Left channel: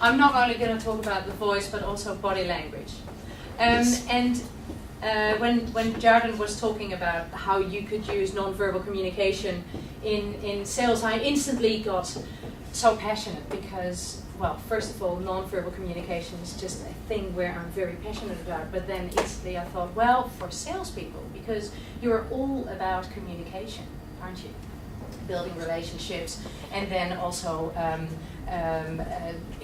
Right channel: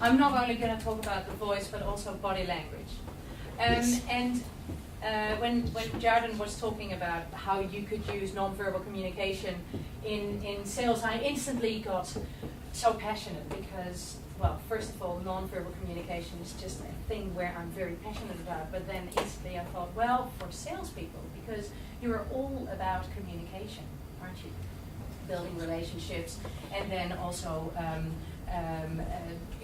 I'm not only going to talk about the voice, but also body language. And when Jardin was talking about how you could use nonverbal communication in sales, I instantly got so passionate because, well, first of all, nonverbal communication is just a thing where I'm very passionate about. But then instantly I thought, well, for salespeople, because you're all about communication, aren't you? Building relationships, and then also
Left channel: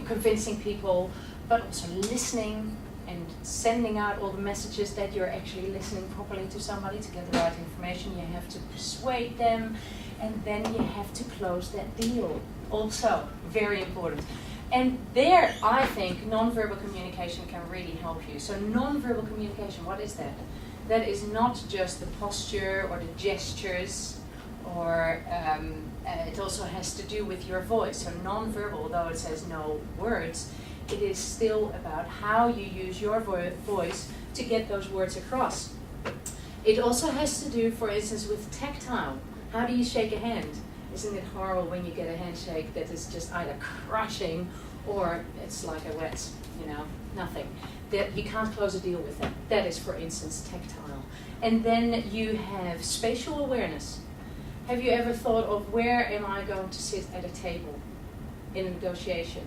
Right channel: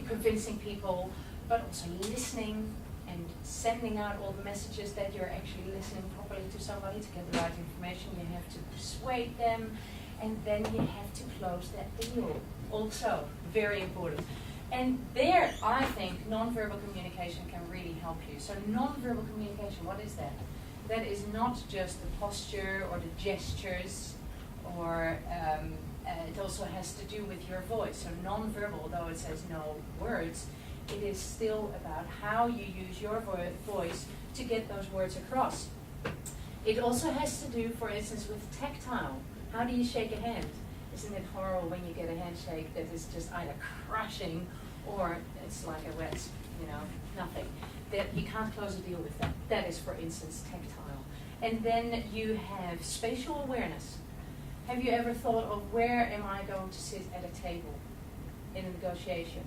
convincing people, but also listening and sending out all the messages that you're actually listening properly to somebody to get the right information. You have to persuade them, and then you have to close that deal. Also, very important. And there, I think, nonverbal communication can really help you. So nonverbal communication, what is that? That is not just the posture or the gestures, or it also has to do with your voice. So nonverbal, though it says no words, it is still about how you use your voice to get those words across. It also has to do, for instance, with tactile. How do you shake a hand? Isn't it horrible when you get a handshake that is just either crushing or it's like a wet, nothing. That you can't close a deal with that. That is, for instance, tactile. And then you have spatial awareness. Have you ever thought of where am I going to sit at a table in a negotiation,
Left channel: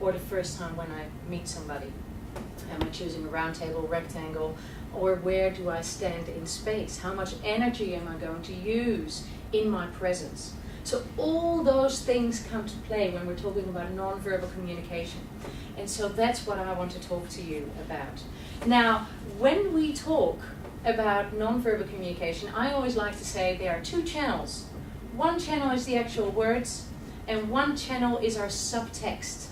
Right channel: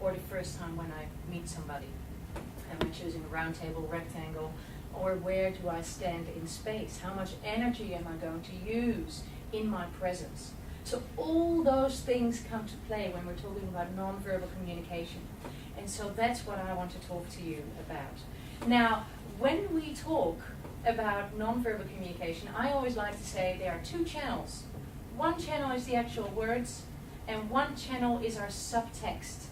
or the first time when I meet somebody? Am I choosing a round table, rectangle, or where do I stand in space? How much energy am I going to use in my presence? So all those things come to play when we're talking about nonverbal communication. And so that's what I want to talk to you about. Now, when we talk about nonverbal communication, I always like to say there are two channels. One channel is the actual words, and one channel is our subtext.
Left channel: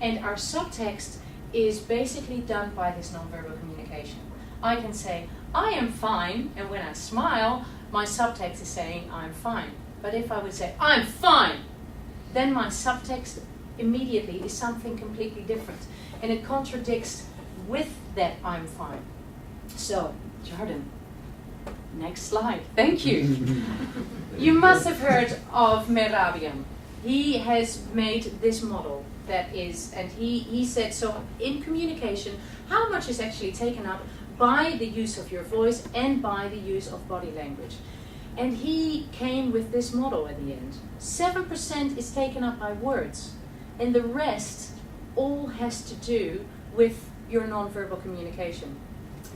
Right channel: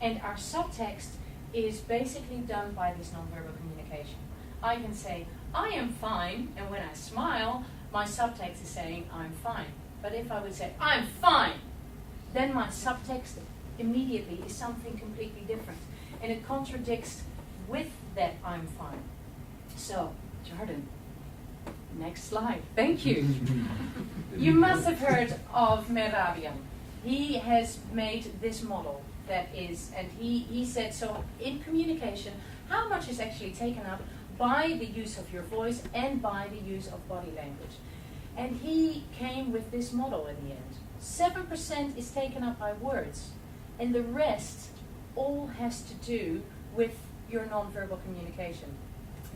And our subtext is basically done by this nonverbal communication. I can say, I am fine, and when I smile, my subtext is saying, I'm fine. But if I would say, I'm fine, then my subtext immediately is something completely different. And it contradicts with that I'm fine. So, Jardin, next slide. Thank you. You must have heard of Merabian. He has made this model that is, and he said, so in communication, how much is actually taken up by the use of your voice and by the use of body language? And he came with this model at the end. 7% is taken up by words, and the rest all has to do with your nonverbal communication.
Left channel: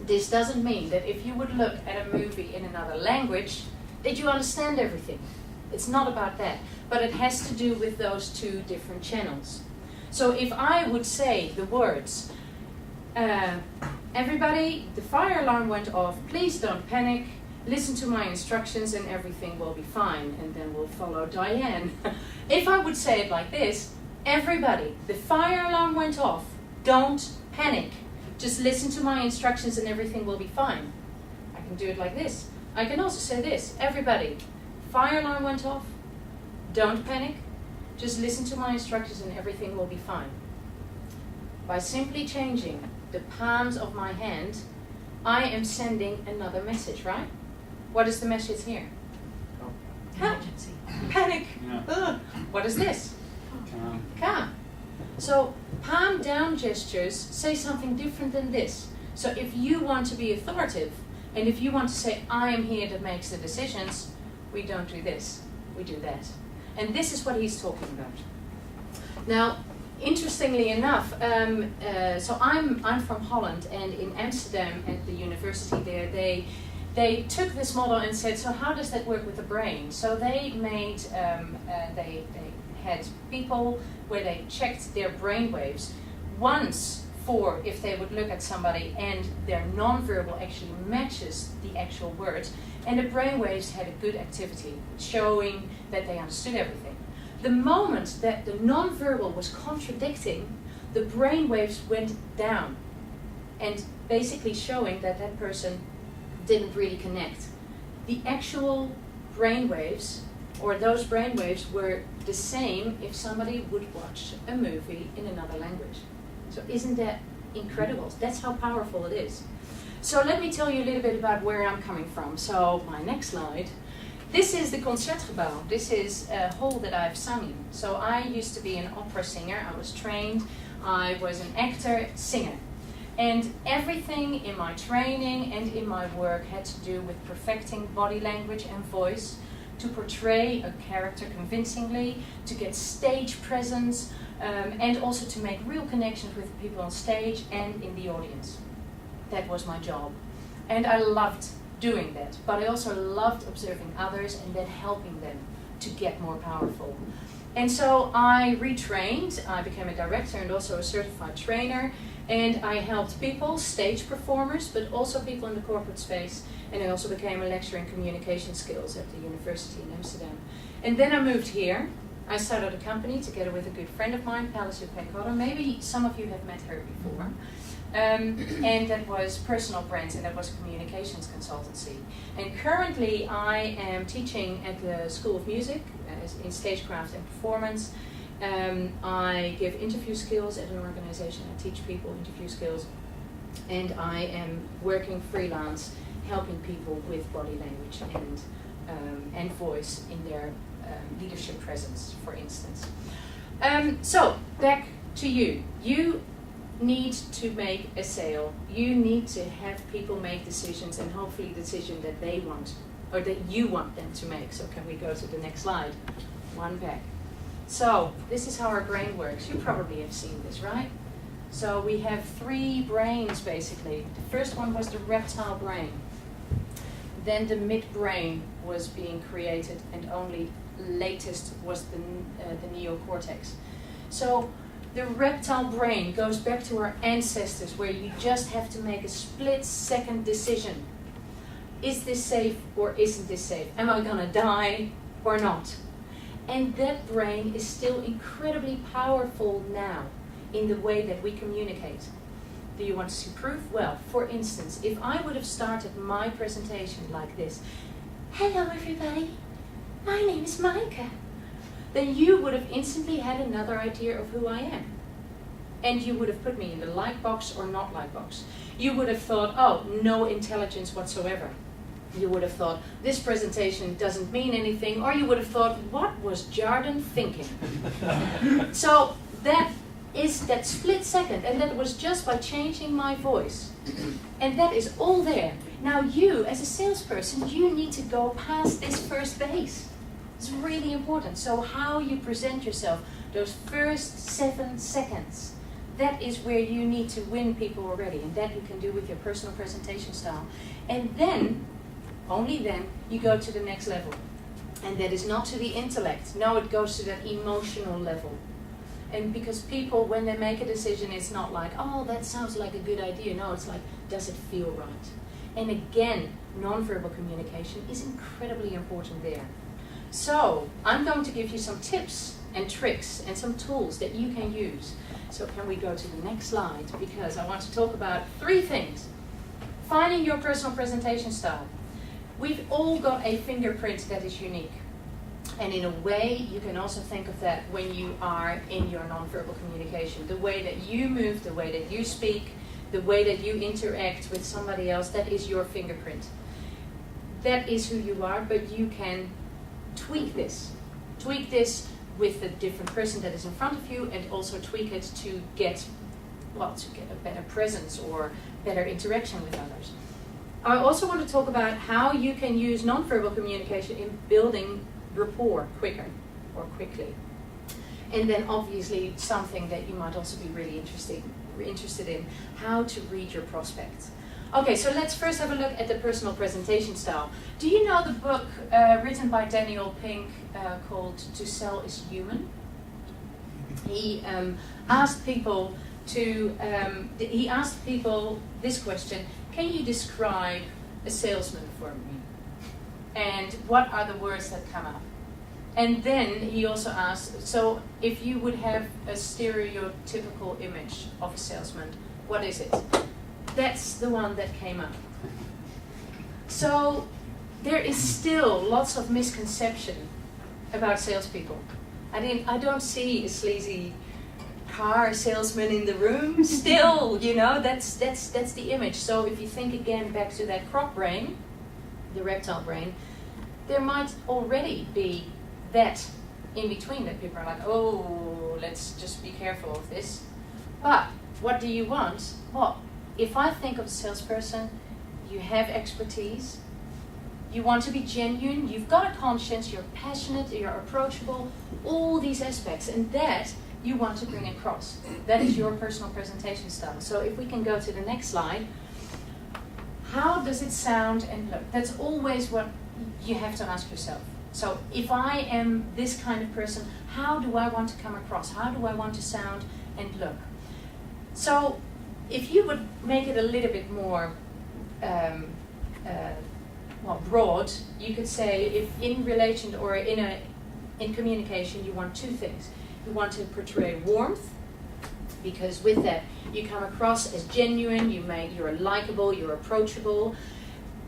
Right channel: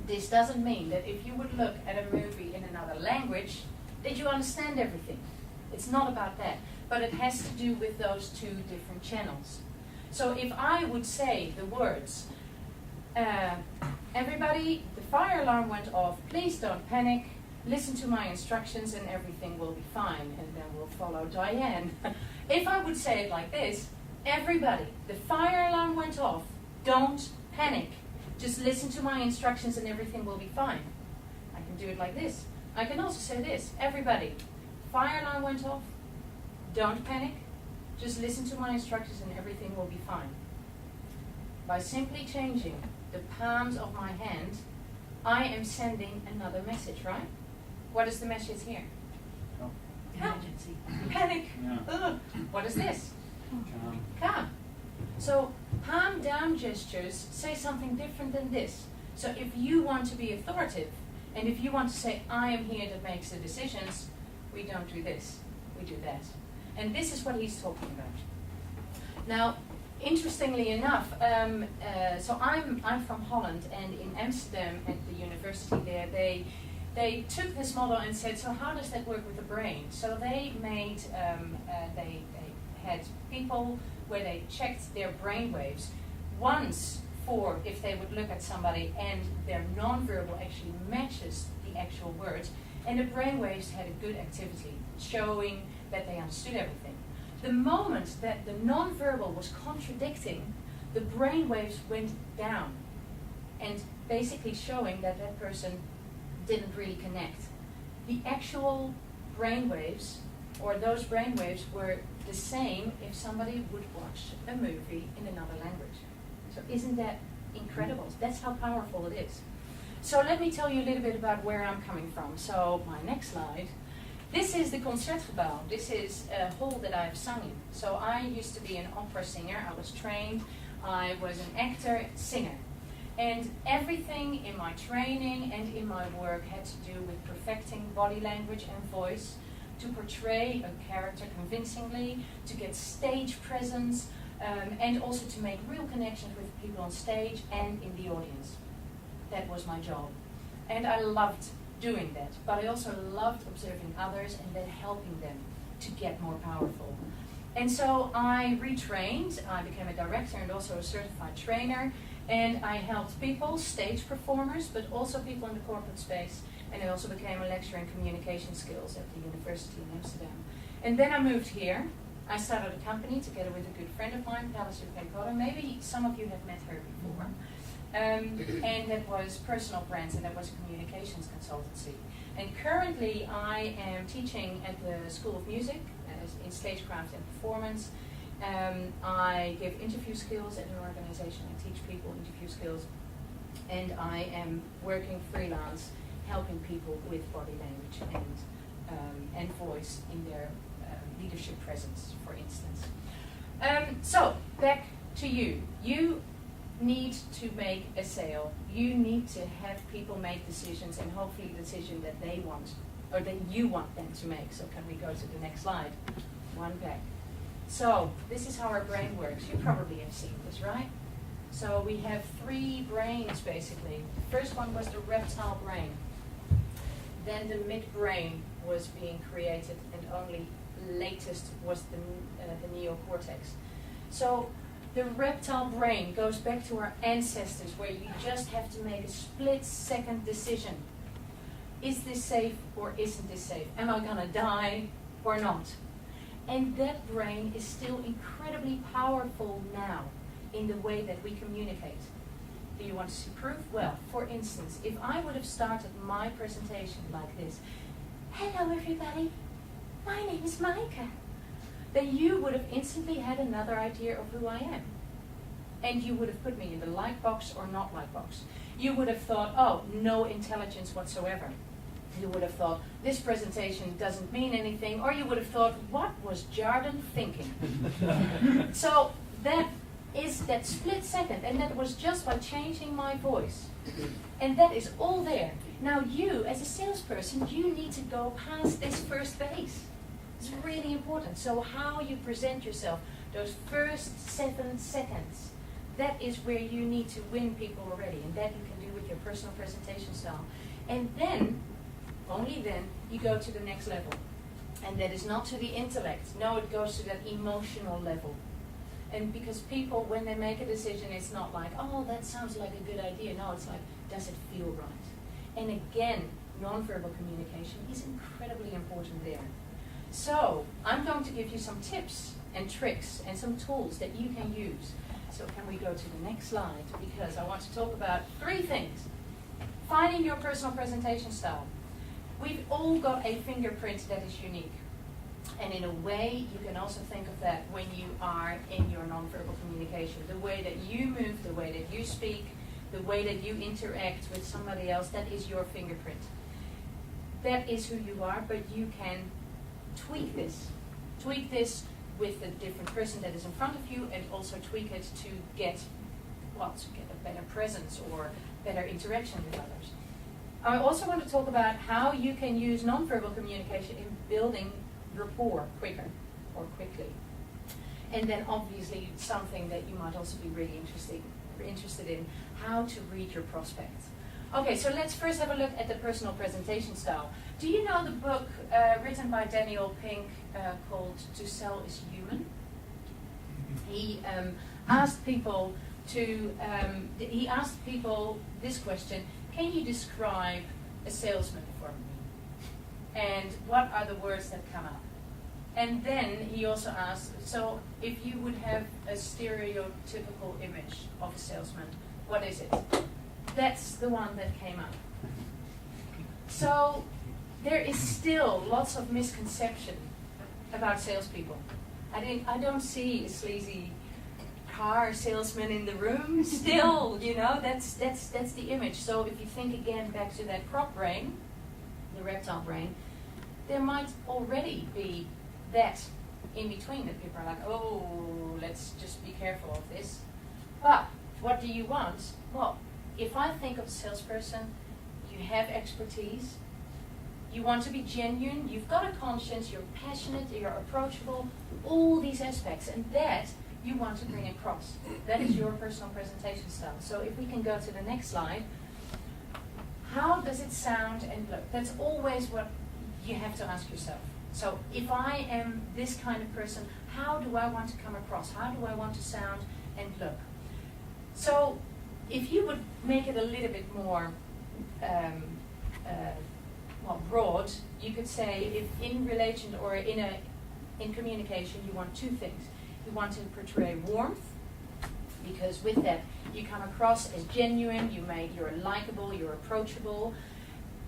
This doesn't mean that if you would look at a movie in another language, that you understand everything. It's not about that. But it has to do with those two different channels. So if I would say the words, everybody, the fire alarm went off, please don't panic, listen to my instructions and everything will be fine, and then we'll follow Diane. If I would say it like this, everybody, the fire alarm went off, don't panic, just listen to my instructions and everything will be fine. I can do it like this. I can also say this, everybody, fire alarm went off, don't panic, just listen to my instructions and everything will be fine. By simply changing the palms of my hand, I am sending another message, right? What is the message here? Emergency. Panic. Yeah. What is this? Calm. Calm. So palm down gestures say something different than this. So if you want to be authoritative, and if you want to say, I am here that makes the decisions, we don't do this, we do that. And this is what he's talking about. Now, interestingly enough, so I'm from Holland, and in Amsterdam at the university there, they took this model and said, so how does that work with the brain? So they made, they had people where they checked their brain waves once for if they would look at somebody and their nonverbal actually matches the actual words, and the brain waves had a good activity, showing that they understood everything. The moment that the nonverbal was contradicting, the brain waves went down, and basically showing that that person didn't really connect. The actual brain waves, or those brain waves, were the same if somebody would watch a movie in another language. So isn't that incredible? That's how powerful it is. So let me tell you a little bit about where I'm coming from. So my next slide. This is the Concertgebouw. This is a hall that I've sung in. So I used to be an opera singer. I was trained I was an actor, singer. And everything in my training and in my work had to do with perfecting body language and voice, to portray a character convincingly, to get stage presence, and also to make real connections with people on stage and in the audience. That was my job. And I loved doing that, but I also loved observing others and then helping them to get more powerful. And so I retrained, I became a director and also a certified trainer, and I helped people, stage performers, but also people in the corporate space, and I also became a lecturer in communication skills at the university in Amsterdam. And then I moved here. I started a company together with a good friend of mine, Palliser Pencotter. Maybe some of you have met her before. And that was personal brands, and that was a communications consultancy. And currently I am teaching at the School of Music in stagecraft and performance. I give interview skills at an organization. I teach people interview skills. And I am working freelance, helping people with body language and voice in their leadership presence, for instance. So, back to you. You need to make a sale. You need to have people make decisions, and hopefully decisions that they want, or that you want them to make. So can we go to the next slide? One back. So this is how our brain works. You probably have seen this, right? So we have 3 brains basically. The first one was the reptile brain. Then the midbrain was being created, and only latest was the neocortex. So the reptile brain goes back to our ancestors, where you just have to make a split-second decision. Is this safe or isn't this safe? Am I gonna die or not? And that brain is still incredibly powerful now in the way that we communicate. Do you want to see proof? Well, for instance, if I would have started my presentation like this: hello everybody, my name is Maaike, then you would have instantly had another idea of who I am. And you would have put me in the like box or not like box. You would have thought, oh, no intelligence whatsoever. You would have thought, this presentation doesn't mean anything, or you would have thought, what was Jardin thinking? So that is that split second, and that was just by changing my voice. And that is all there. Now you, as a salesperson, you need to go past this first base. It's really important. So how you present yourself, those first 7 seconds, that is where you need to win people already, and that you can do with your personal presentation style. And then, only then, you go to the next level. And that is not to the intellect. No, it goes to that emotional level. And because people, when they make a decision, it's not like, oh, that sounds like a good idea. No, it's like, does it feel right? And again, nonverbal communication is incredibly important there. So, I'm going to give you some tips and tricks and some tools that you can use. So can we go to the next slide? Because I want to talk about 3 things. Finding your personal presentation style. We've all got a fingerprint that is unique. And in a way, you can also think of that when you are in your nonverbal communication. The way that you move, the way that you speak, the way that you interact with somebody else, that is your fingerprint. That is who you are, but you can tweak this. Tweak this with the different person that is in front of you, and also tweak it to get a better presence or better interaction with others. I also want to talk about how you can use nonverbal communication in building rapport quicker or quickly. And then obviously something that you might also be really interested in, how to read your prospects. Okay, so let's first have a look at the personal presentation style. Do you know the book written by Daniel Pink called To Sell is Human? He asked people this question: can you describe a salesman for me? And what are the words that come up? And then he also asked, so if you would have a stereotypical image of a salesman, what is it? That's the one that came up. So there is still lots of misconception about salespeople. I don't see a sleazy car salesman in the room. Still, that's the image. So if you think again back to that crop brain, the reptile brain, there might already be that in between, that people are like, oh, let's just be careful of this. what do you want? Well, if I think of a salesperson, you have expertise, you want to be genuine, you've got a conscience, you're passionate, you're approachable, all these aspects, and that you want to bring across. That is your personal presentation style. So if we can go to the next slide, how does it sound and look? That's always what you have to ask yourself. So if I am this kind of person, how do I want to come across? How do I want to sound and look? So if you would make it a little bit more broad, you could say if in relation or in communication you want two things. You want to portray warmth, because with that you come across as genuine, you're likable, you're approachable,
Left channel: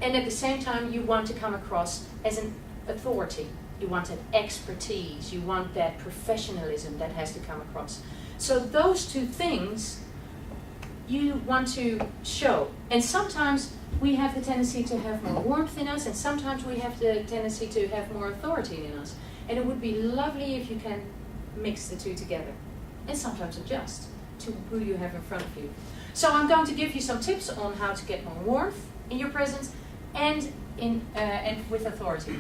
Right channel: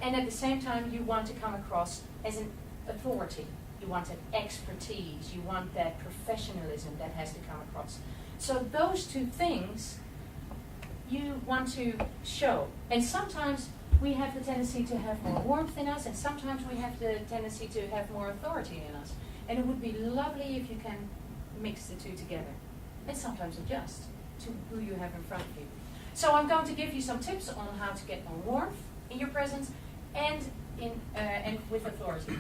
and at the same time you want to come across as an authority. You want that expertise, you want that professionalism that has to come across. So those two things you want to show. And sometimes we have the tendency to have more warmth in us, and sometimes we have the tendency to have more authority in us. And it would be lovely if you can mix the two together, and sometimes adjust to who you have in front of you. So I'm going to give you some tips on how to get more warmth in your presence and with authority.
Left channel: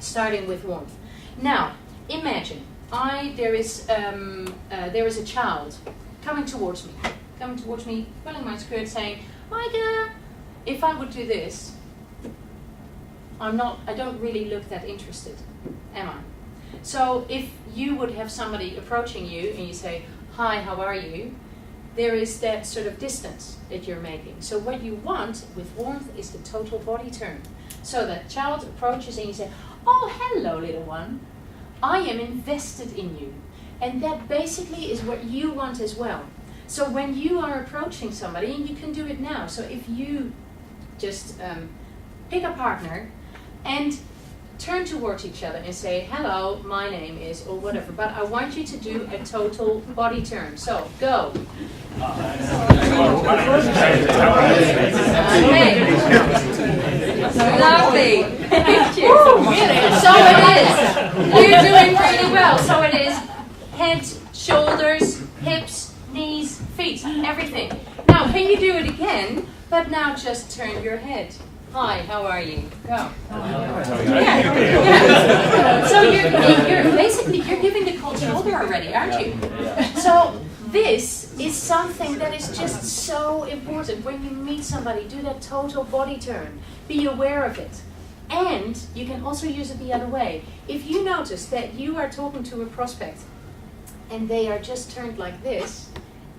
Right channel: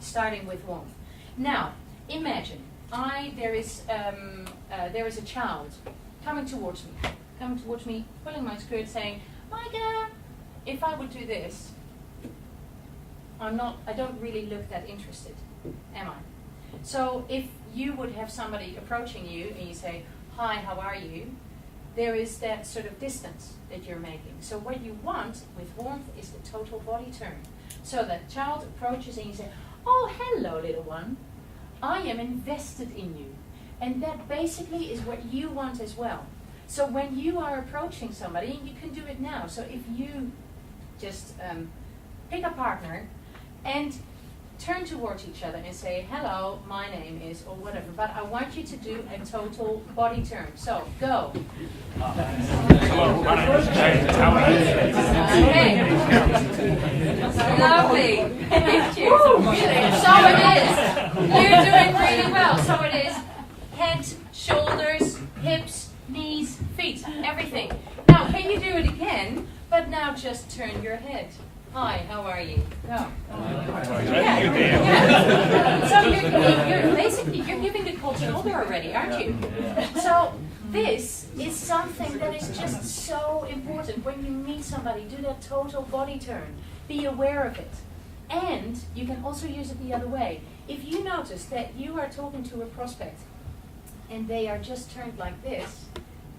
Starting with warmth. Now, imagine there is a child coming towards me, pulling my skirt, saying, "Maaike, if I would do this, I don't really look that interested, am I?" So if you would have somebody approaching you and you say, "Hi, how are you?" there is that sort of distance that you're making. So what you want with warmth is the total body turn. So that child approaches and you say, "Oh, hello, little one. I am invested in you." And that basically is what you want as well. So when you are approaching somebody, and you can do it now. So if you just pick a partner and turn towards each other and say, "Hello, my name is," or whatever. But I want you to do a total body turn. So, go. Okay. Lovely. Thank you. So it is. You're doing really well. So it is head, shoulders, hips, knees, feet, everything. Now, can you do it again? But now just turn your head. "Hi, how are you?" Go. Yeah. So you're giving the cold shoulder already, aren't you? So this is something that is just so important. When you meet somebody, do that total body turn. Be aware of it. And you can also use it the other way. If you notice that you are talking to a prospect and they are just turned like this,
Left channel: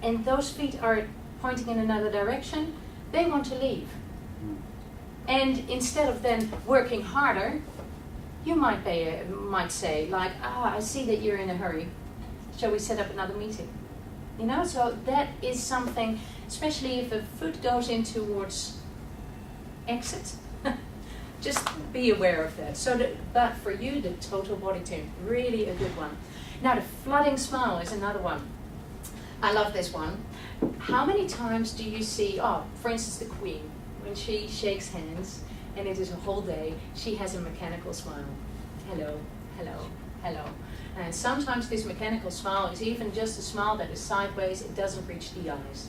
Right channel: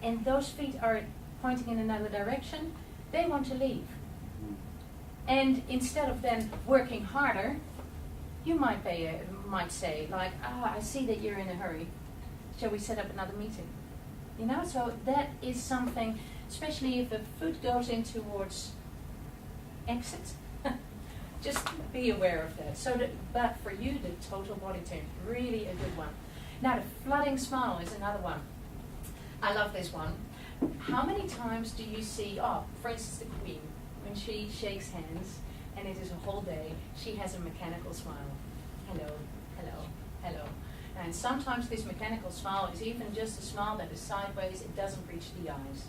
and those feet are pointing in another direction, they want to leave. And instead of then working harder, you might say, like, "I see that you're in a hurry. Shall we set up another meeting?" You know, so that is something, especially if a foot goes in towards exit, just be aware of that. So but for you, the total body turn, really a good one. Now, the flooding smile is another one. I love this one. How many times do you see, for instance, the Queen, when she shakes hands, and it is a whole day, she has a mechanical smile. Hello, hello, hello. And sometimes this mechanical smile is even just a smile that is sideways, it doesn't reach the eyes.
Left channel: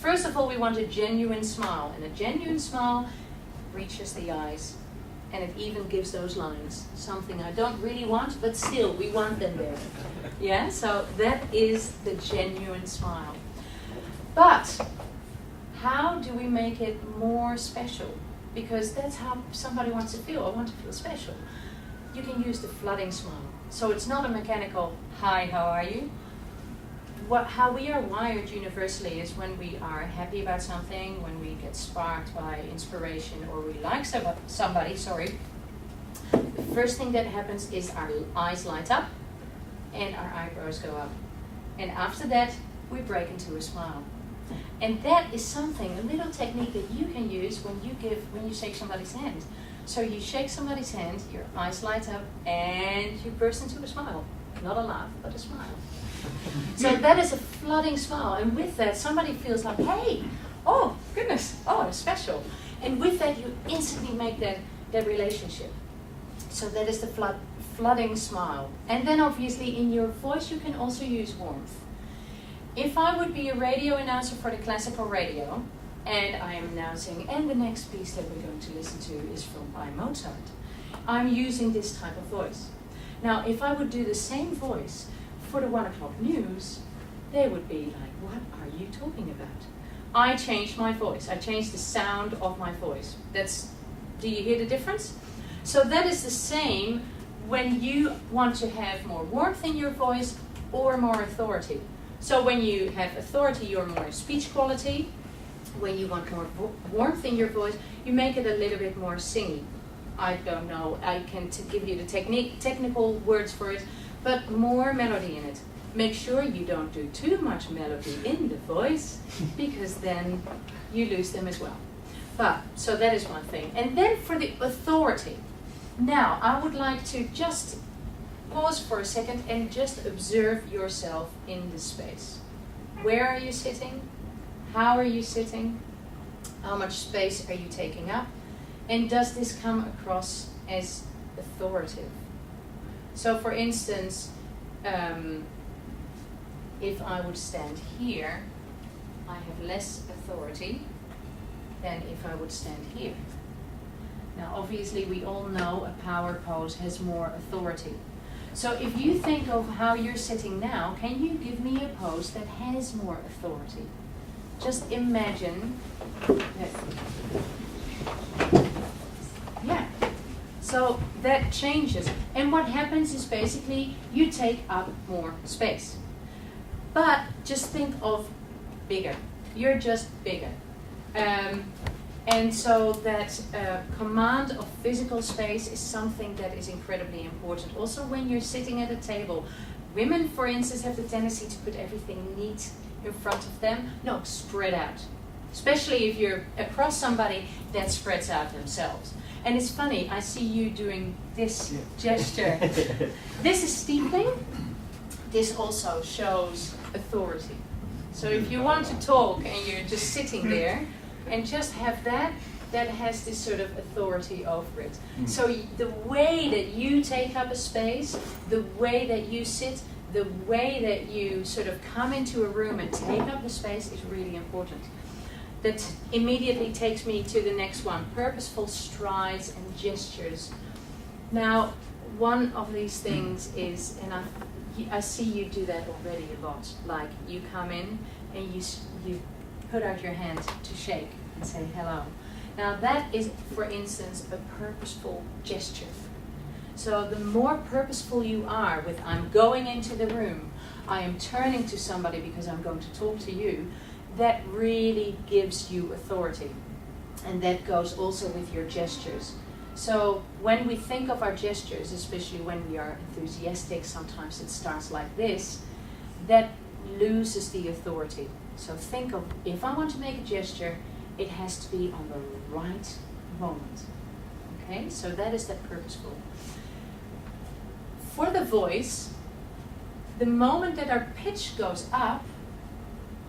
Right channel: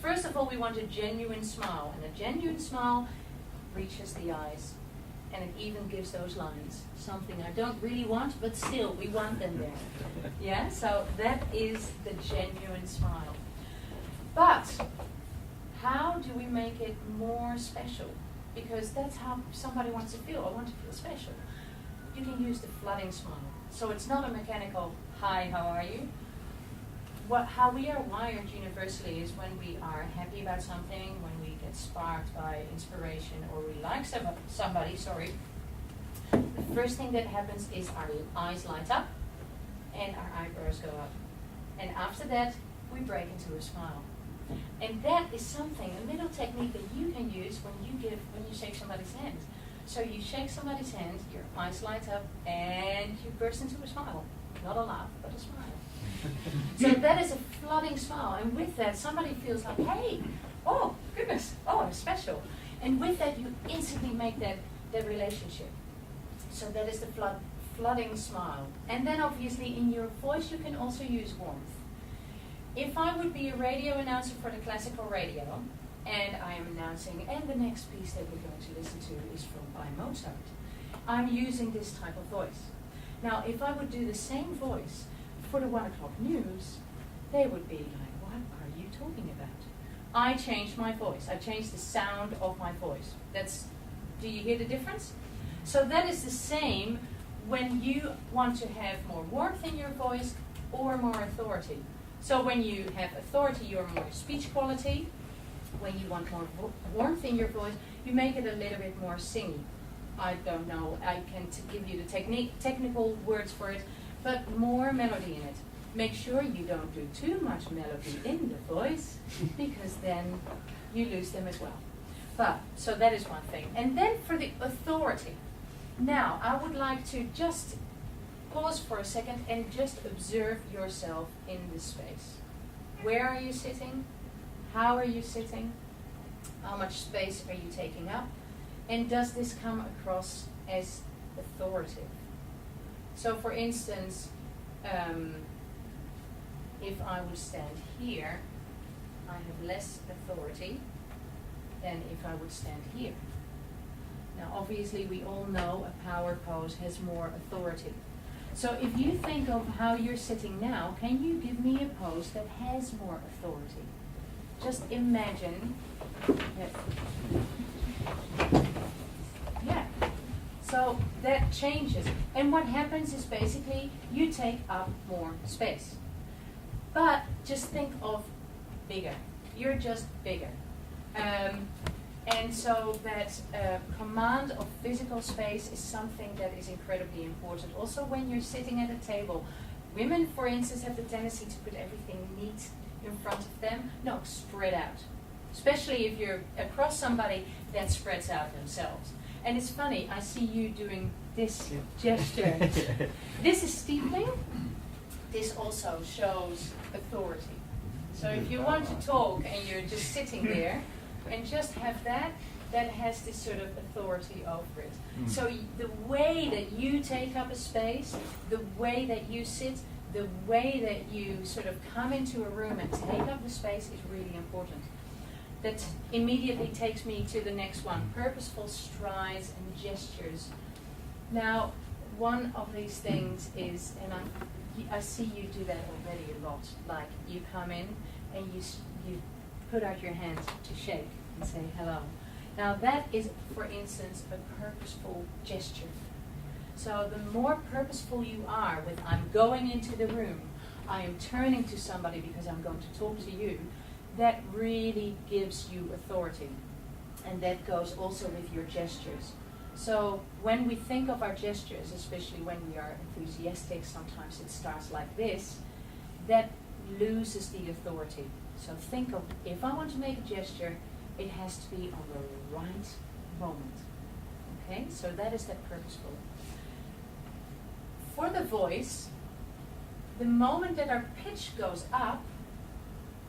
First of all, we want a genuine smile, and a genuine smile reaches the eyes, and it even gives those lines. Something I don't really want, but still, we want them there. Yeah, so that is the genuine smile. But how do we make it more special? Because that's how somebody wants to feel. I want to feel special. You can use the flooding smile. So it's not a mechanical, "Hi, how are you?" How we are wired universally is when we are happy about something, when we get sparked by inspiration, or we like somebody, the first thing that happens is our eyes light up and our eyebrows go up. And after that, we break into a smile. And that is something, a little technique that you can use when you shake somebody's hand. So you shake somebody's hand, your eyes light up, and you burst into a smile. Not a laugh, but a smile. So that is a flooding smile. And with that, somebody feels like, "Hey, oh, goodness, oh, it's special." And with that, you instantly make that relationship. So that is the flooding smile. And then obviously in your voice, you can also use warmth. if I would be a radio announcer for the classical radio, and I am announcing, and the next piece that we're going to listen to is by Mozart, I'm using this type of voice. Now, if I would do the same voice for the 1 o'clock news, they would be like, what are you talking about? I changed my voice. I changed the sound of my voice. Do you hear the difference? So that is the same when you want to have more warmth in your voice or more authority. So when you have authority, you're more speech quality. When you want more warmth in your voice, you make it a little bit more singy. I don't know, I can give you the technical words for it, but more melody in it. Make sure you don't do too much melody in the voice, because then you lose them as well. But, so that is one thing. And then for the authority. Now, I would like to just pause for a second and just observe yourself in the space. Where are you sitting? How are you sitting? How much space are you taking up? And does this come across as authoritative? So for instance, if I would stand here, I have less authority than if I would stand here. Now obviously we all know a power pose has more authority. So if you think of how you're sitting now, can you give me a pose that has more authority? Just imagine that. Yeah. So that changes. And what happens is basically you take up more space. But just think of bigger. You're just bigger. And so that command of physical space is something that is incredibly important. Also when you're sitting at a table, women, for instance, have the tendency to put everything neat in front of them. No, spread out. Especially if you're across somebody that spreads out themselves. And it's funny, I see you doing this gesture. This is steepling. This also shows authority. So if you want to talk and you're just sitting there and just have that has this sort of authority over it. So the way that you take up a space, the way that you sit, the way that you sort of come into a room and take up the space is really important. That immediately takes me to the next one, purposeful strides and gestures. Now, one of these things is, and I see you do that already a lot, like you come in and you put out your hand to shake and say hello. Now that is, for instance, a purposeful gesture. So the more purposeful you are with I'm going into the room, I am turning to somebody because I'm going to talk to you, that really gives you authority. And that goes also with your gestures. So when we think of our gestures, especially when we are enthusiastic, sometimes it starts like this, that loses the authority. So think of, if I want to make a gesture, it has to be on the right moment. Okay, so that is that purposeful. For the voice, the moment that our pitch goes up,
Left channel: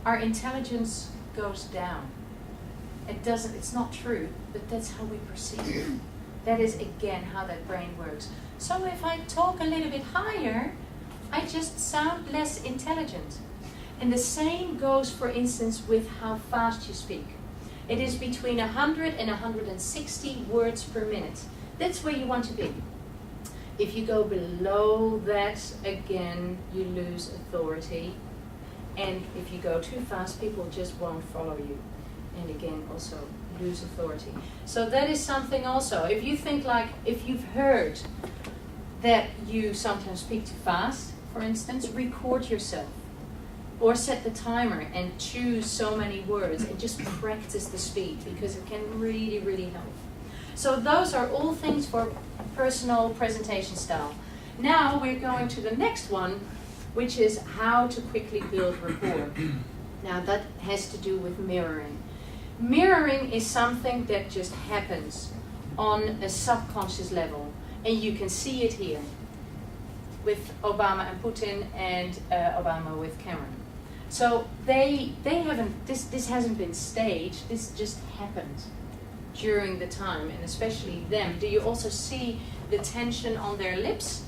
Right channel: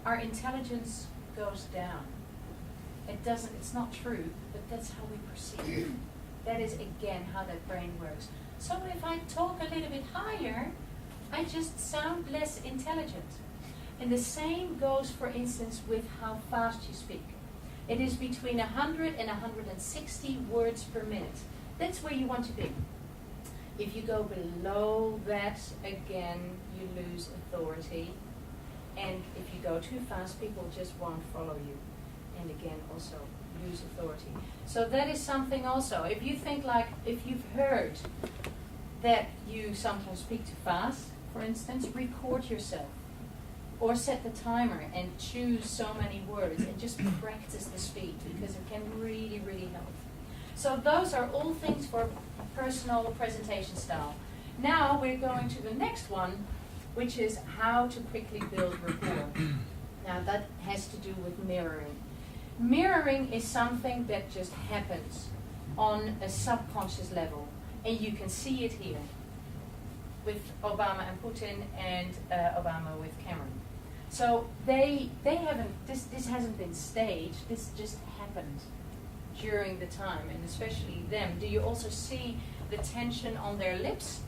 our intelligence goes down. It's not true, but that's how we perceive it. That is again how that brain works. So if I talk a little bit higher, I just sound less intelligent. And the same goes, for instance, with how fast you speak. It is between 100 and 160 words per minute. That's where you want to be. If you go below that, again, you lose authority. And if you go too fast, people just won't follow you. And again, also lose authority. So that is something also. If you think like, if you've heard that you sometimes speak too fast, for instance, record yourself. Or set the timer and choose so many words and just practice the speed, because it can really, really help. So those are all things for personal presentation style. Now we're going to the next one, which is how to quickly build rapport. Now that has to do with mirroring. Mirroring is something that just happens on a subconscious level, and you can see it here with Obama and Putin, and Obama with Cameron. So they haven't, this hasn't been staged, this just happened during the time, and especially them. Do you also see the tension on their lips?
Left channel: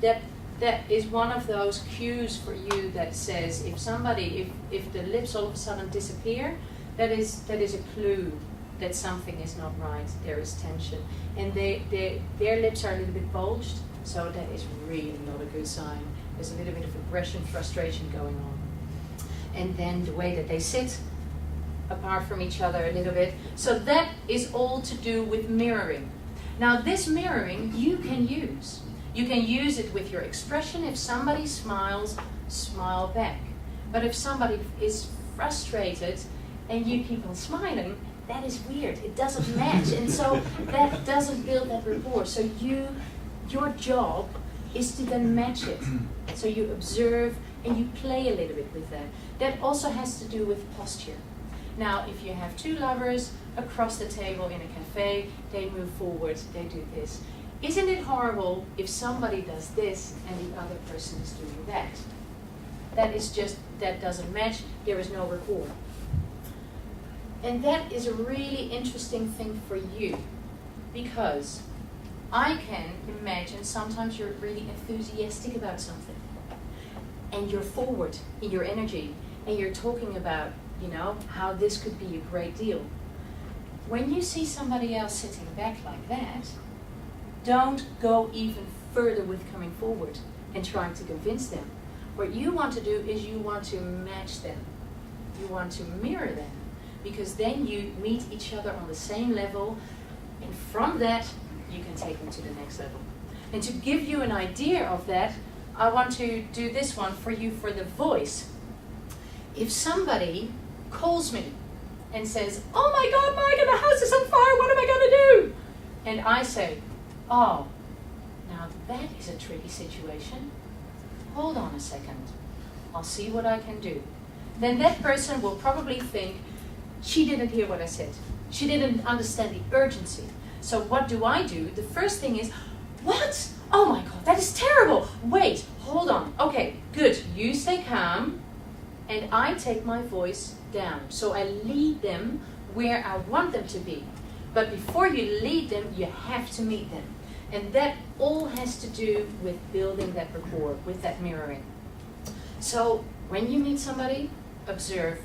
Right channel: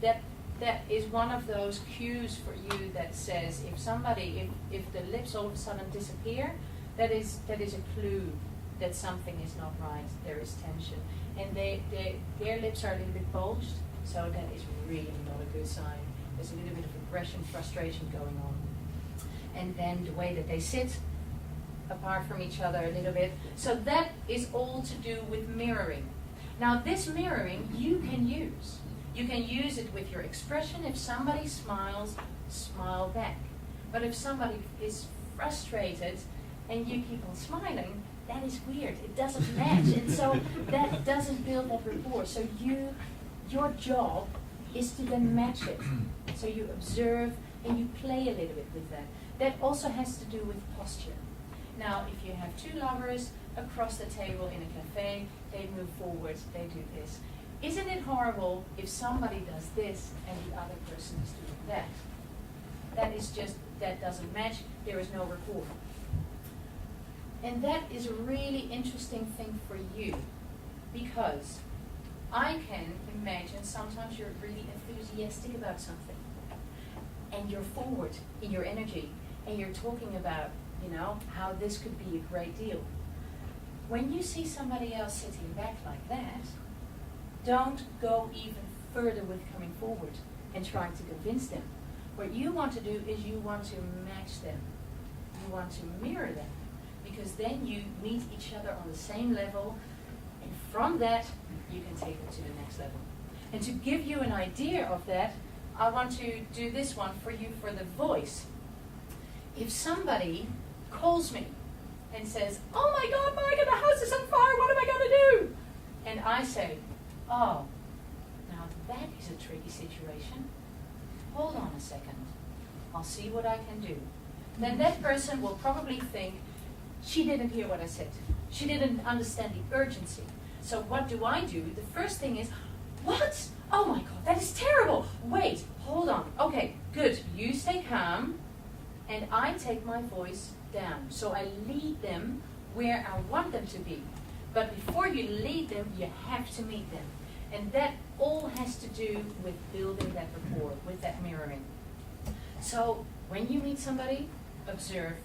That that is one of those cues for you that says if the lips all of a sudden disappear, that is a clue that something is not right. There is tension, and their lips are a little bit bulged, so that is really not a good sign. There's a little bit of aggression, frustration going on. And then the way that they sit apart from each other a little bit. So that is all to do with mirroring. Now this mirroring you can use. You can use it with your expression. If somebody smiles, smile back. But if somebody is frustrated and you keep on smiling, that is weird. It doesn't match. And so that doesn't build that rapport. So your job is to then match it. So you observe and you play a little bit with that. That also has to do with posture. Now, if you have two lovers across the table in a cafe, they move forward, they do this. Isn't it horrible if somebody does this and the other person is doing that? That doesn't match, there is no rapport. And that is a really interesting thing for you, because I can imagine sometimes you're really enthusiastic about something, and you're forward in your energy, and you're talking about, how this could be a great deal. When you see somebody else sitting back like that, don't go even further with coming forward and trying to convince them. What you want to do is you want to match them. You want to mirror them, because then you meet each other on the same level, and from that you can take them to the next level. And to give you an idea of that, I want to do this one for you for the voice. If somebody calls me and says, "Oh my God, Maaike, the house is on fire, what am I going to do?" And I say, "Oh, now that is a tricky situation. Hold on a second. I'll see what I can do." Then that person will probably think, she didn't hear what I said. She didn't understand the urgency. So what do? The first thing is, "What? Oh my God, that is terrible. Wait, hold on. Okay, good. You stay calm." And I take my voice down. So I lead them where I want them to be. But before you lead them, you have to meet them. And that all has to do with building that rapport, with that mirroring. So when you meet somebody, observe,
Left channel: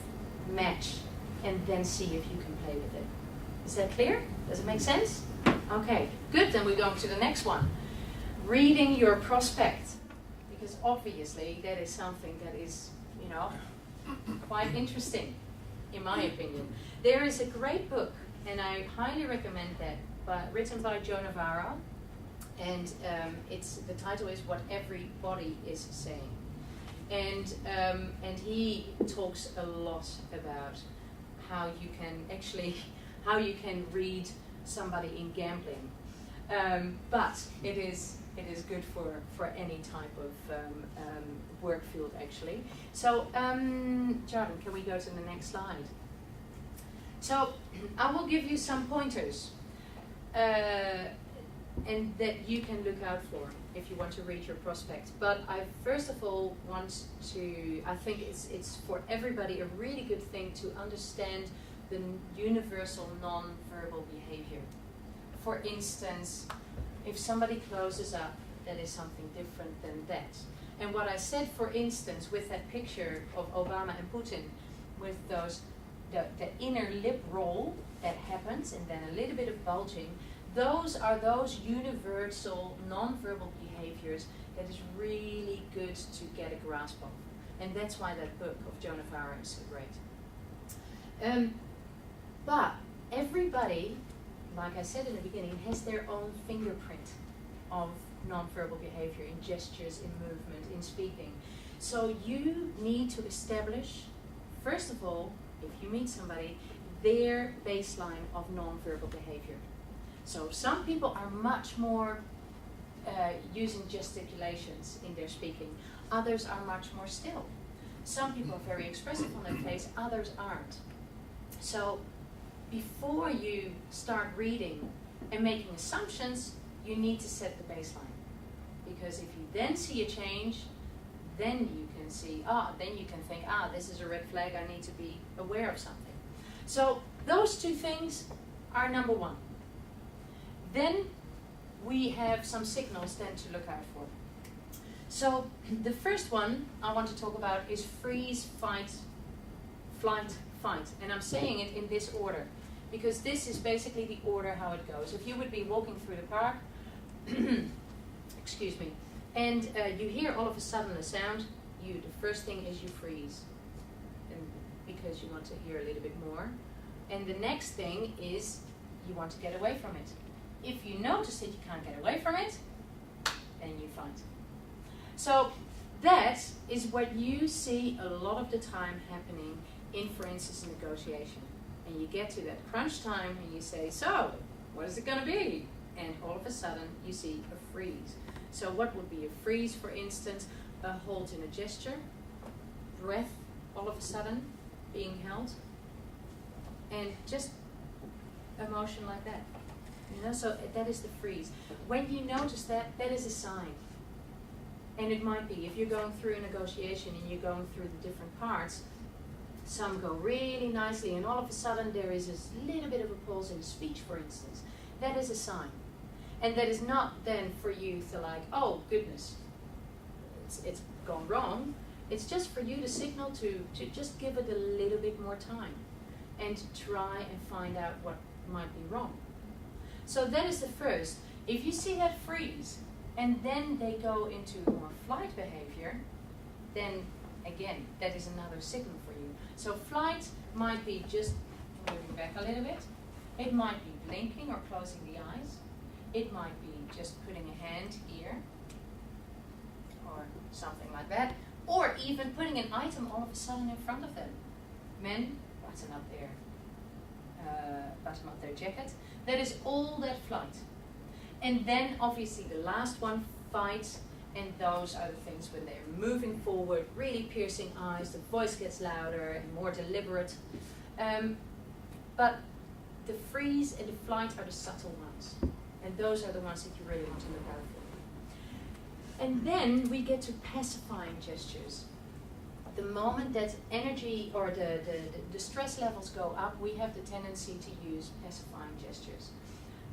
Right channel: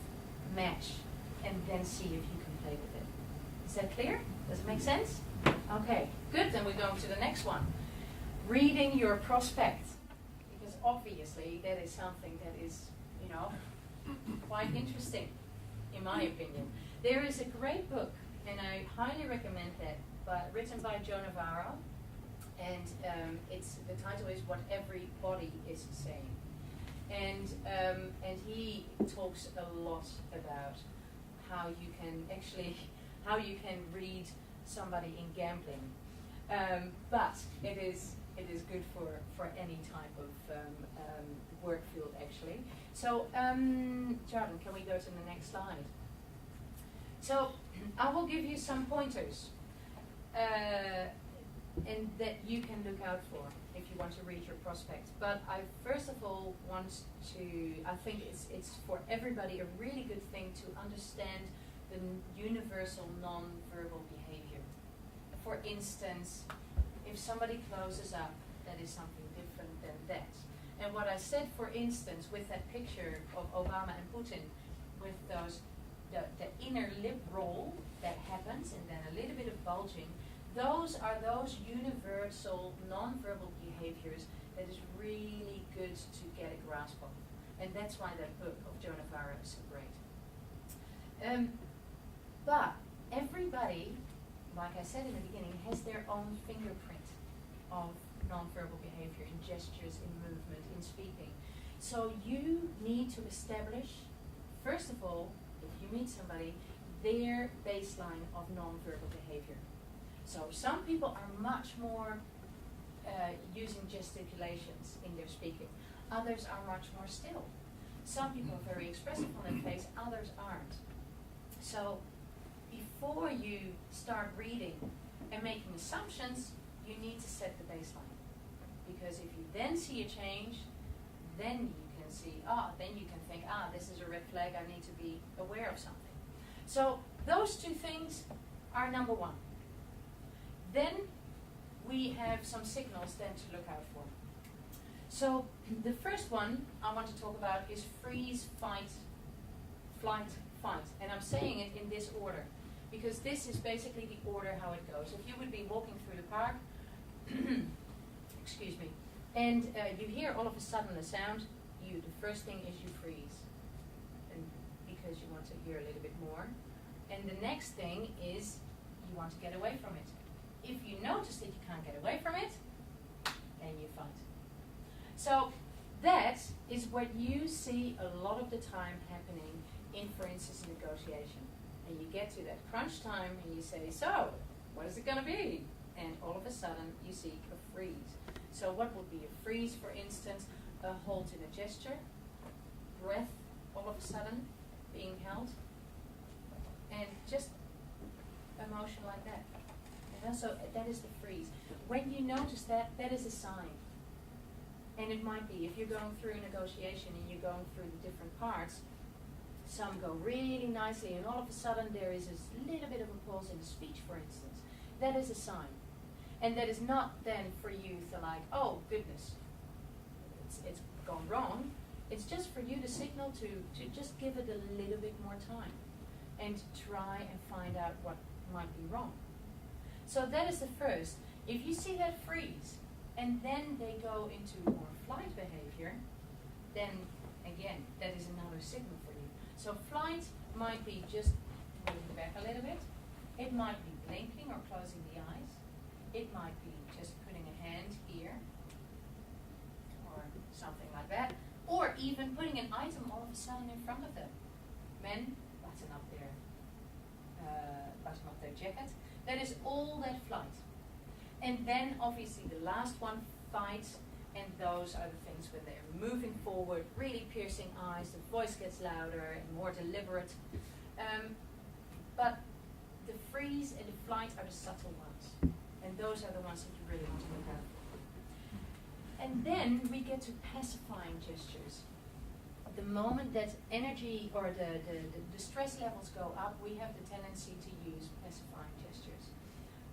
match, and then see if you can play with it. Is that clear? Does it make sense? Okay, good. Then we go to the next one. Reading your prospect. Because obviously that is something that is, quite interesting, in my opinion. There is a great book, and I highly recommend that, written by Joe Navarro, and the title is "What Everybody Is Saying," and he talks a lot about how you can read somebody in gambling, but it is good for any type of work field, actually. So, Jardin, can we go to the next slide? So, I will give you some pointers, and that you can look out for if you want to read your prospect. But I first of all I think it's for everybody a really good thing to understand the universal non-verbal behavior. For instance, if somebody closes up, that is something different than that. And what I said, for instance, with that picture of Obama and Putin, with the inner lip roll that happens, and then a little bit of bulging, those are those universal non-verbal behaviors that is really good to get a grasp of. And that's why that book of Joe Navarro is so great. But everybody, like I said in the beginning, has their own fingerprint of non-verbal behavior in gestures, in movement, in speaking. So you need to establish, first of all, if you meet somebody, their baseline of non-verbal behavior. So some people are much more using gesticulations in their speaking. Others are much more still. Some people are very expressive on their face, others aren't. So before you start reading and making assumptions, you need to set the baseline. Because if you then see a change, then you can see, then you can think, this is a red flag, I need to be aware of something. So those two things are number one. Then we have some signals then to look out for. So the first one I want to talk about is freeze, fight, flight, fight. And I'm saying it in this order because this is basically the order how it goes. If you would be walking through the park, excuse me, and you hear all of a sudden a sound, the first thing is you freeze, and because you want to hear a little bit more. And the next thing is you want to get away from it. If you notice that you can't get away from it, then you fight. So that is what you see a lot of the time happening in, for instance, a negotiation. And you get to that crunch time and you say, so, what is it going to be? And all of a sudden you see a freeze. So what would be a freeze, for instance? A hold in a gesture, breath all of a sudden being held, and just emotion like that. You know, so that is the freeze. When you notice that, that is a sign. And it might be, if you're going through a negotiation and you're going through the different parts, some go really nicely and all of a sudden there is a little bit of a pause in speech, for instance. That is a sign. And that is not then for you to like, oh goodness, it's gone wrong. It's just for you to signal to just give it a little bit more time and to try and find out what might be wrong. So that is the first. If you see that freeze and then they go into more flight behavior, then again, that is another signal for you. So flight might be just moving back a little bit. It might be blinking or closing the eyes. It might be just putting a hand here or something like that. Or even putting an item all of a sudden in front of them. Men, button up their jacket. That is all that flight. And then obviously the last one, fight, and those are the things when they're moving forward, really piercing eyes, the voice gets louder and more deliberate. But the freeze and the flight are the subtle ones. And those are the ones that you really want to look out for. And then we get to pacifying gestures. The moment that energy or the stress levels go up, we have the tendency to use pacifying gestures.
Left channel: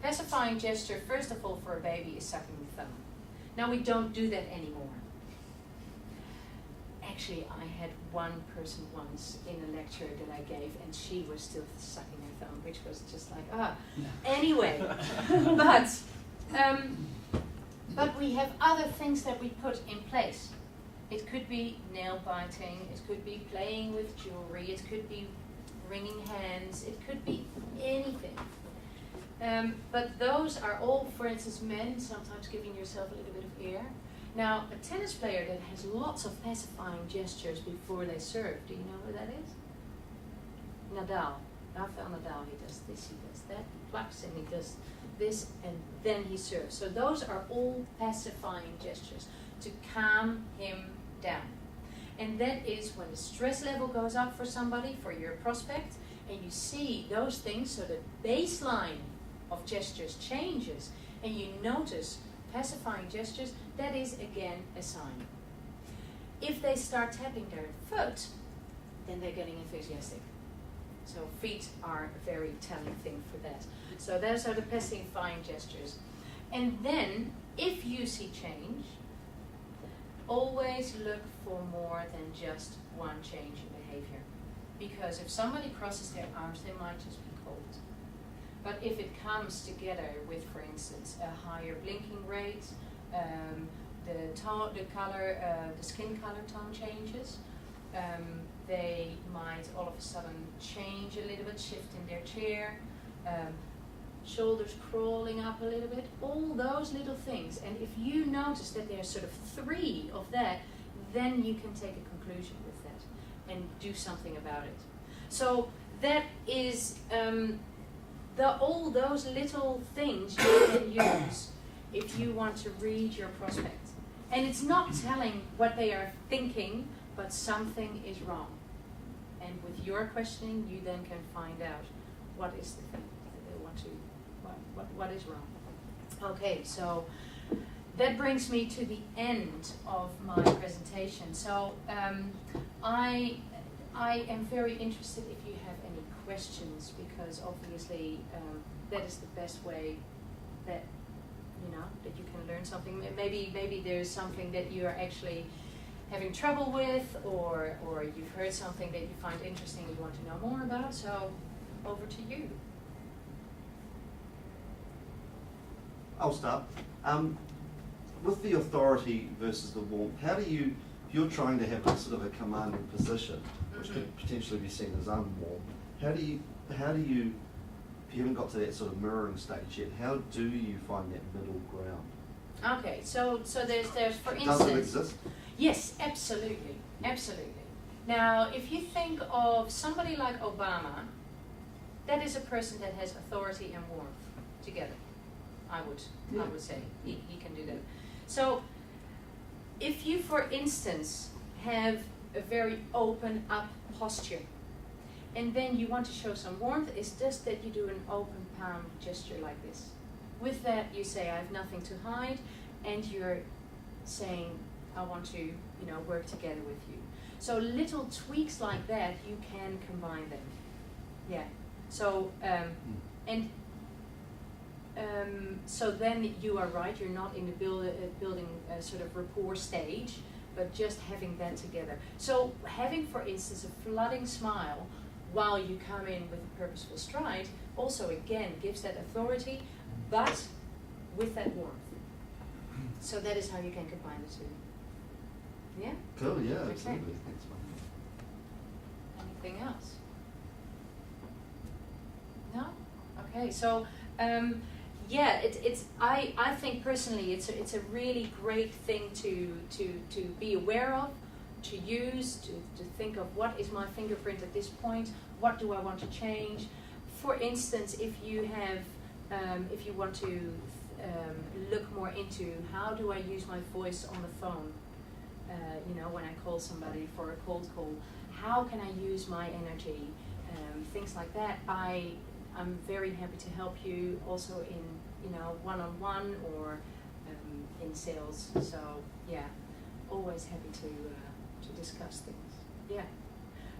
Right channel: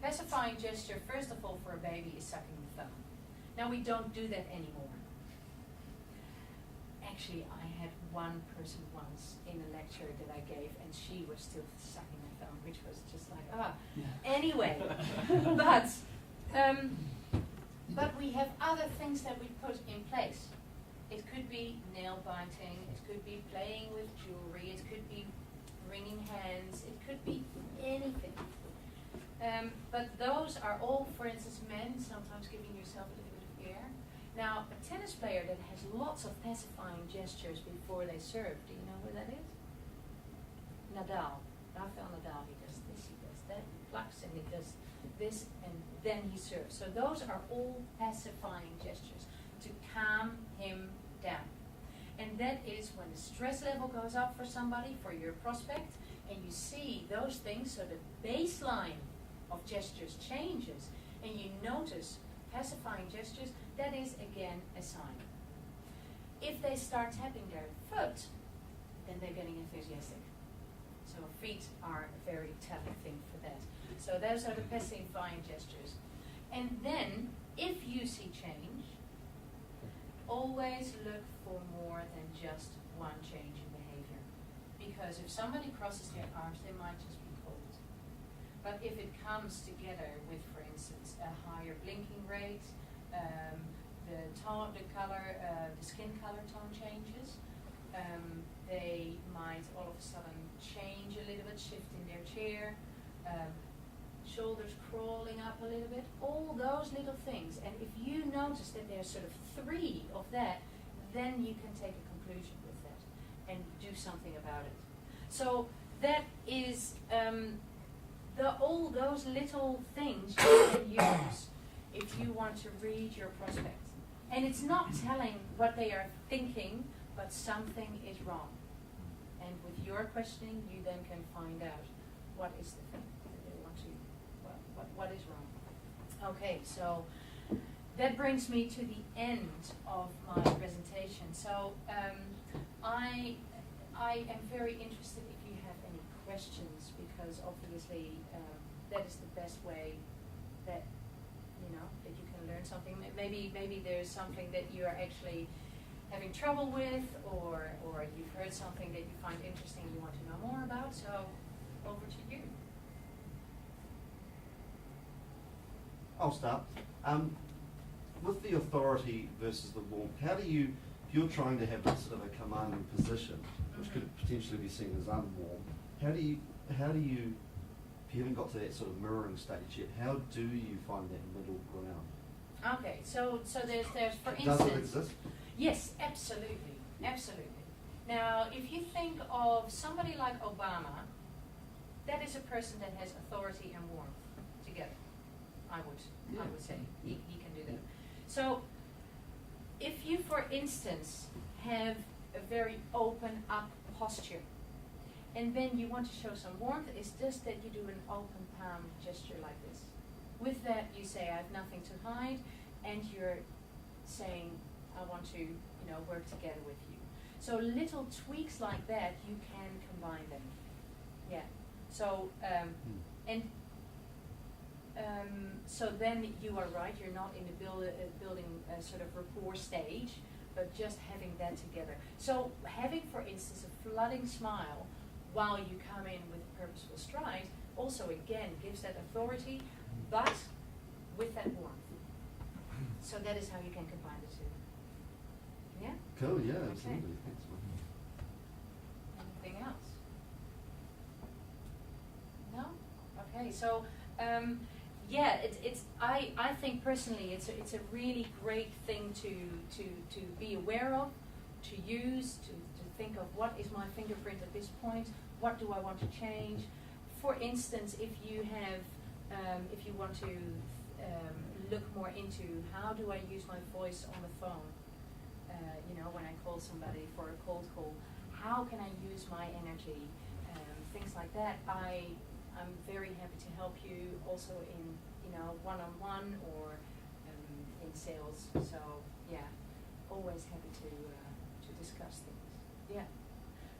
Pacifying gesture, first of all, for a baby is sucking the thumb. Now we don't do that anymore. Actually, I had one person once in a lecture that I gave, and she was still sucking her thumb, which was just like, Anyway, but we have other things that we put in place. It could be nail biting, it could be playing with jewelry, it could be wringing hands, it could be anything. But those are all, for instance, men, sometimes giving yourself a little bit of air. Now, a tennis player that has lots of pacifying gestures before they serve, do you know who that is? Nadal. Rafael Nadal, he does this, he does that, plucks and he does this, and then he serves. So those are all pacifying gestures to calm him down. And that is when the stress level goes up for somebody, for your prospect, and you see those things, so the baseline of gestures changes, and you notice pacifying gestures, that is again a sign. If they start tapping their foot, then they're getting enthusiastic. So feet are a very telling thing for that. So those are the pacifying gestures. And then, if you see change, always look for more than just one change in behavior. Because if somebody crosses their arms, they might just be cold. But if it comes together with, for instance, a higher blinking rate, the color, the skin color tone changes, they might all of a sudden change a little bit, shift in their chair, shoulders crawling up a little bit, all those little things. And if you notice that there's sort of 3 of that, then you can take a conclusion with that and do something about it. So that is all those little things you can use if you want to read your prospect. And it's not telling what they are thinking, but something is wrong. And with your questioning, you then can find out what is the thing that they want to, what is wrong. Okay, so that brings me to the end of my presentation. So I am very interested if you have any questions, because obviously that is the best way that that you can learn something. Maybe there's something that you're actually having trouble with, or you've heard something that you find interesting and you want to know more about. So over to you. I'll start. With the authority versus the warmth, how do you, if you're trying to have sort of a commanding position, which could potentially be seen as unwarm, how do you, if you haven't got to that sort of mirroring stage yet, how do you find that middle ground? Okay, so there's for instance. Does it exist? Yes, absolutely, absolutely. Now, if you think of somebody like Obama, that is a person that has authority and warmth together. I would say he can do that. So, if you, for instance, have a very open up posture, and then you want to show some warmth, it's just that you do an open palm gesture like this. With that, you say, I have nothing to hide, and you're saying, I want to, work together with you. So little tweaks like that, you can combine them. Yeah. So, so then you are right, you're not in the building sort of rapport stage, but just having that together. So having, for instance, a flooding smile while you come in with a purposeful stride also again gives that authority, but with that warmth. So that is how you can combine the two. Yeah? Cool, yeah, Okay. absolutely. Thanks, Anything else? No? Okay, so yeah, I think personally it's a really great thing to be aware of, to use, to think of what is my fingerprint at this point, what do I want to change. For instance, if you want to look more into how do I use my voice on the phone, when I call somebody for a cold call, how can I use my energy, things like that. I'm very happy to help you also in one-on-one or in sales. So yeah, always happy to discuss things. Yeah.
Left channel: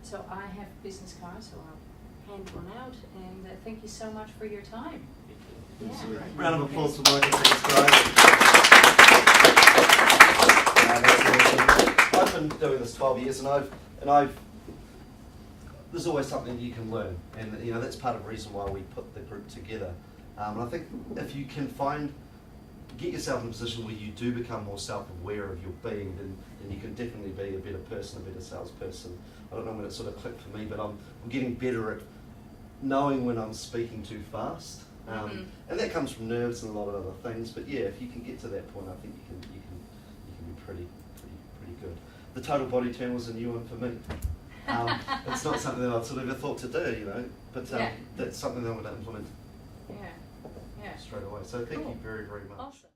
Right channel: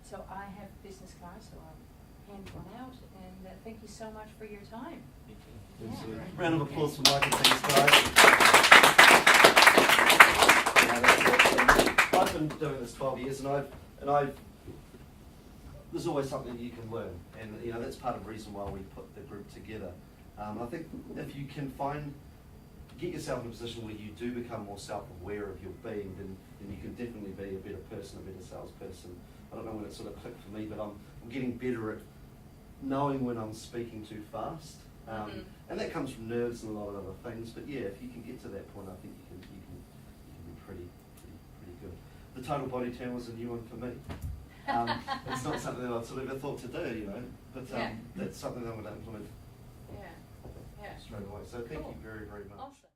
So I have business cards, so I'll hand one out, and thank you so much for your time. Yeah. Round of applause for Maaike, thanks guys. I've been doing this 12 years, and I've there's always something you can learn, and that's part of the reason why we put the group together. I think if you can get yourself in a position where you do become more self-aware of your being, then you can definitely be a better person, a better salesperson. I don't know when it sort of clicked for me, but I'm getting better at knowing when I'm speaking too fast, and that comes from nerves and a lot of other things. But yeah, if you can get to that point, I think you can be pretty good. The total body turn was a new one for me. It's not something that I'd sort of ever thought to do, but that's something that I'm going to implement straight away. So thank you very, very much. Awesome.